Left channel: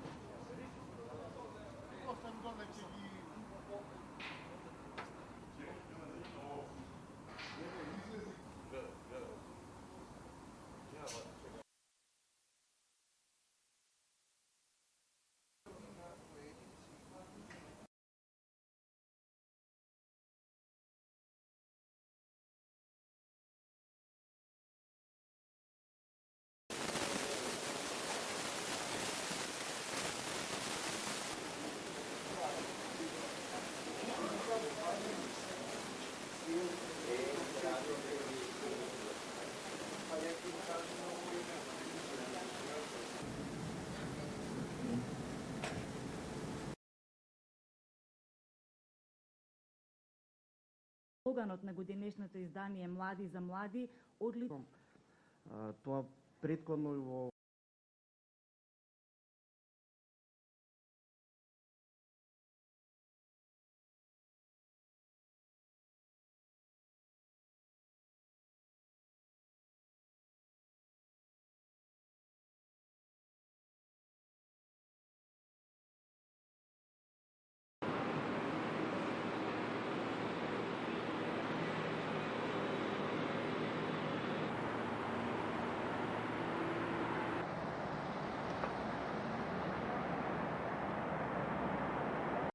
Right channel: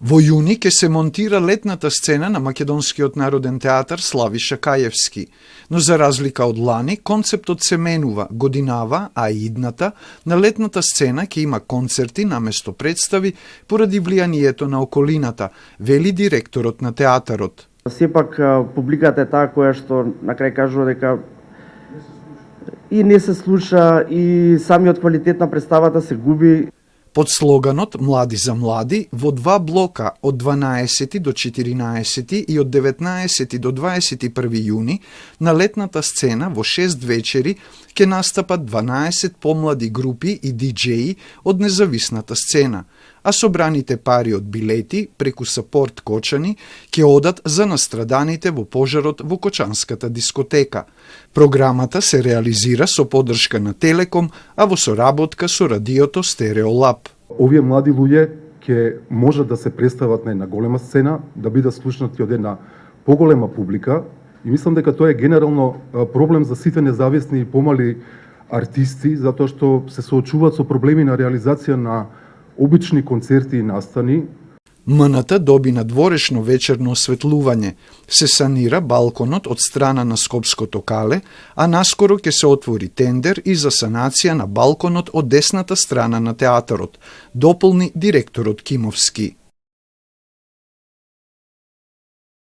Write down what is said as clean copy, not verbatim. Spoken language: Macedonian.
Во јуни ќе се монтира летната сцена на Македонскиот народен театар Славиша Каевски, но за разлика од лани, концептот се менува годинава, а и идната, на летната сцена ќе има концерти наместо представи поради влијанието на околината, вели директорот на театарот. Сепак публиката е таа која што на крај кажува дека и не се слуша и самиот квалитет на представата се губи. Под слоганот «Млади за млади» во два блока од 12 до 14 и од 19 до 21 јуни на летната сцена во 6 вечери ќе настапат 12 помлади групи и диџеи од независната сцена, а собраните пари од билети преку Сапорт Кочани ќе одат за настраданите во пожарот во Кочанската дискотека. Програмата се реализира со поддршка на Телеком, а во соработка со радиото Стереолаб. Овие млади луѓе ќе можат да се представат на една голема сцена, да бидат слушнати од една поголема публика и мислам дека тоа е генерално проблем за сите независни и помали артисти, затоа што се соочуваат со проблеми на реализација на обични концерти и настани. МНТ доби надворешно вечерно осветлување, се санира балконот од страна на Скопското кале, а наскоро ќе се отвори тендер и за санација на балконот од десната страна на театарот, дополни директорот Кимовски.